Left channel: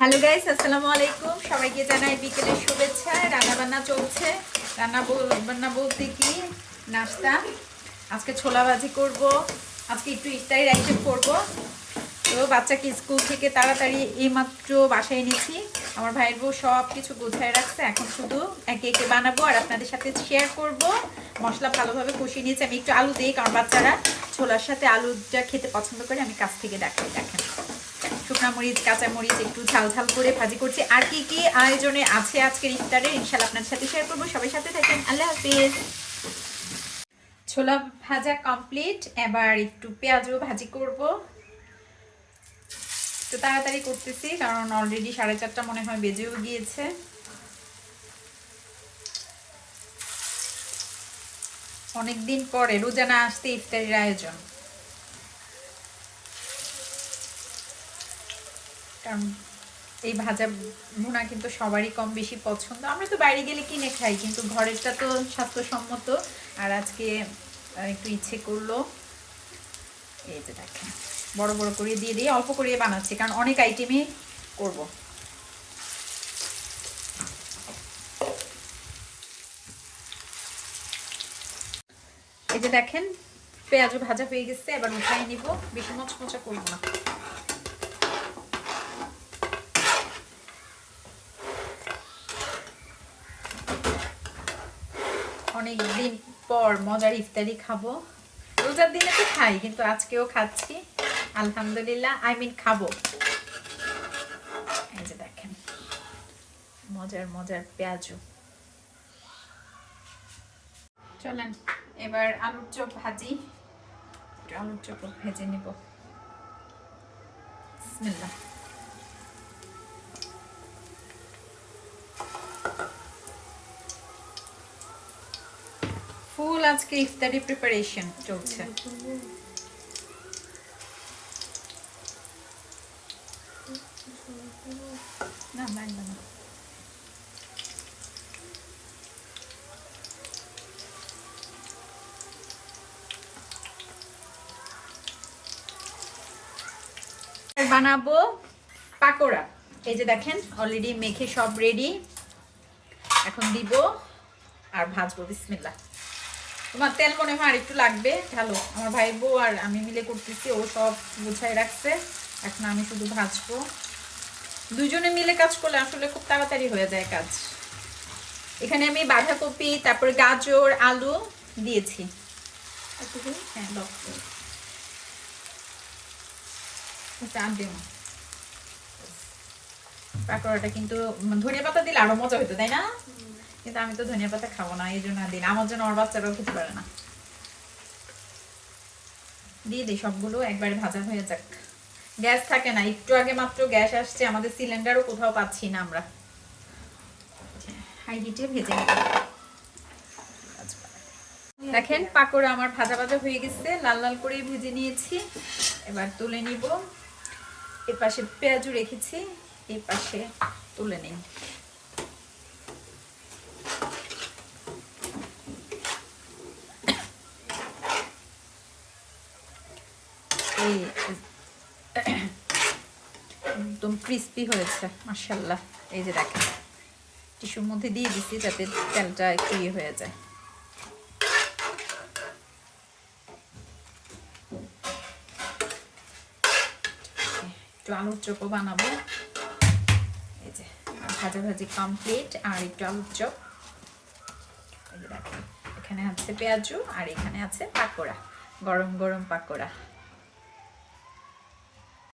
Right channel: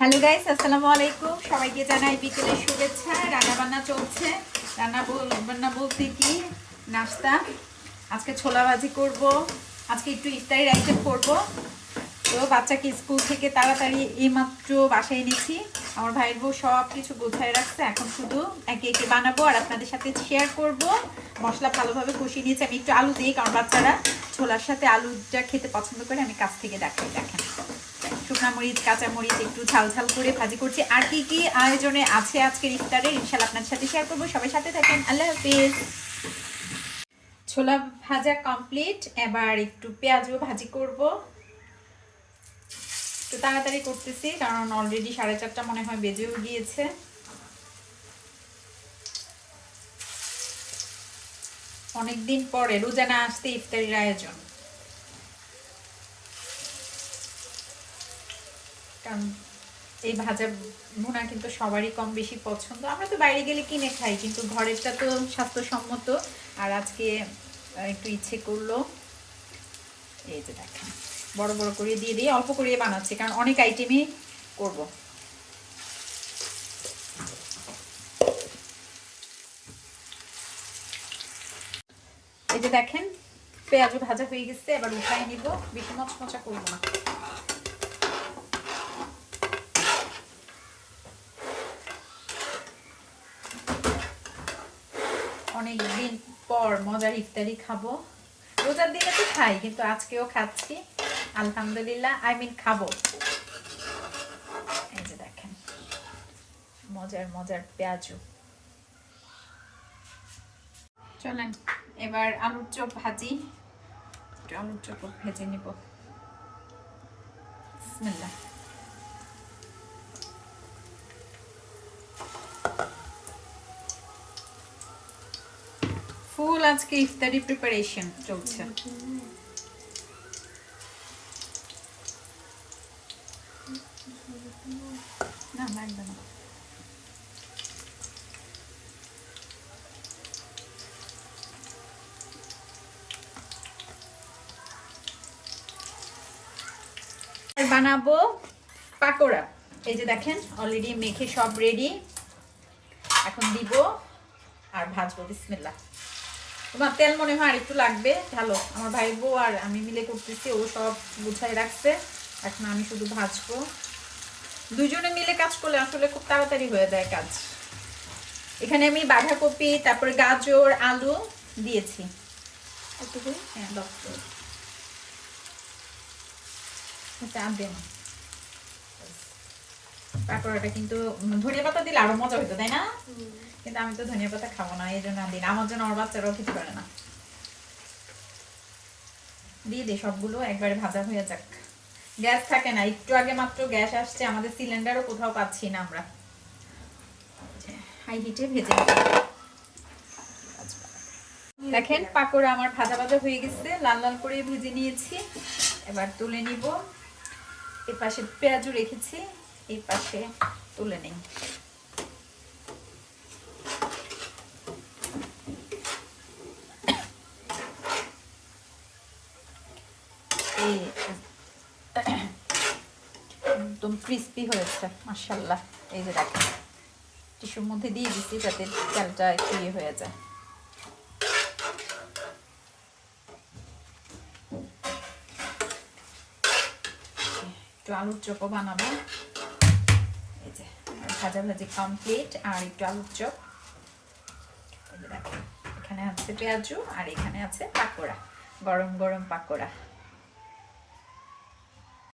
Hello guys, আসসালামু আলাইকুম। সবাইকে জানাই বিকেলের শুভেচ্ছা। রান্না বান্না চলছে। রান্না বলতে কি, নাস্তা। আজকে ছোলা ভাজি করব, আজকে একটু ইফতারির আইটেম করব। তো বাচ্চাকে স্কুল থেকে তাড়াতাড়ি এইমাত্র বাসায় এনেছি। আমার ভাইয়ের বউ সব কিছু গোছায় রাখছে, এখন শুধু একে একে বানাবো আর আপনাদের সাথে শেয়ার করব। মশলা ভালোভাবে কষিয়ে নিয়েছি। আমি একটু আলু দিই, কারণ বাচ্চারা ছোলার সাথে আলুটা খেতে পছন্দ করে। আমি কাছ থেকে দেখাই, দেখেন শুকনা মরিচ, কাঁচা মরিচ একটু ঝাল ঝাল করে ভাজি করছি। আর কি কি আয়োজনে আছে আজকের ইফতারে ইনশাআল্লাহ আপনাদের সাথে শেয়ার করবো। সবাই সাথে থাকেন। আল্লাহ হাফেজ। ছোলা ভাজা কমপ্লিট। এবার একটু পেঁয়াজও ভাজি করব। তো তাড়াতাড়ি করতেছি, কারণ অলরেডি 4:30 মনে হয় বেজেও গিয়েছে। অনেকদিন পরে রোজানা আসতে ইফতারির আয়োজন, কারণ এই ভাজা ভুনা কিন্তু সবারই কম বেশি পছন্দ। আমরা তো বাইরে গেলে কিনে খাই, কিন্তু ঘরেরটা তো স্বাস্থ্যসম্মত। আর আজকে একটু ইচ্ছে করলো। এই যে দেখেন, বড় বড় করে দিয়ে দিয়ে অল্প করে বানাচ্ছি, কারণ অনেক আইটেমই করব। এই যে দেখেন, পেঁয়াজ ভাজা হয়ে গেছে। এবার উঠাই নিব, বেশি মচমচা করব না। অনেকদিন পর মজার ইফতারি খাবো। রোজার দিনে তো খাই, কিন্তু আজকেও খাচ্ছি আলহামদুলিল্লাহ। খাবো। এই যে দেখেন, মজার মজার পেঁয়াজু। চলেন এবার আলুর চপ ভাজি। আলুর চপ ভেজে নিব। বিসমিল্লাহ। ফুল আজকে ইফতারি প্রিপারেশন চলছে। না মানবে না। বানাবো পাকোড়া। এই যে দেখেন, অলরেডি মেখে সব রেডি। এখন দিব আর ভাজবো। বিসমিল্লাহ। তোমার তেল মনে হয় আর একটু লাগবে, ভালো। আমার ভাই বউ আর আমি মিলে করতেছি, ও সব গুছাই রাখছে। এখন আমি শুধু ভাজবো। দুজনে মিলে কাজ করলে আসলে খুব তাড়াতাড়ি হয়ে যায় কাজ। এখানে আমি বাঁধাকপি, তারপরে গাজর, আলু দিয়েছি। হ্যাঁ, পাকোড়াটা কিন্তু ধনিয়া পাতা দিলে আরো মজা হতো, তাই না? কিন্তু আমি তো ধনিয়া পাতা খাবো না, এই জন্য দিন। আমার জন্য আমার বাচ্চারাও খেতে পারে না। দিয়ে দিই সবগুলো, একবারে ভাজা হয়ে যাক। গ্যাস থাকে না, একটু আগে মাত্র গ্যাস আসছে। আমাদের সিলিন্ডারও কোথাও পাচ্ছি না আমরা। হাই হিটে ভেজে দেখেন, পাকোড়া আমার ভাজা ভাজা হয়ে গেছে, লাল লাল করে ভেজে নিয়েছি। এবার তুলে নিব। এর পাশে পেঁয়াজু রেখেছি, এই পাশে তুলে নেই। একদম ক্রিস্পি হয়েছে মাশাআল্লাহ। এই যে দেখেন, টিস্যুর মধ্যে দিয়ে দিচ্ছি যাতে তেলটা একটু ইয়ে হয়ে যায়। একটু আলুর চপও বানাবো। এই যে ভাজাভাজি কমপ্লিট, আর একটু আলুর চপ। এই যে দেখেন, এখানে আছে পেঁয়াজু আর এখানে আছে পাকোড়া, গরম গরম পাকোড়া।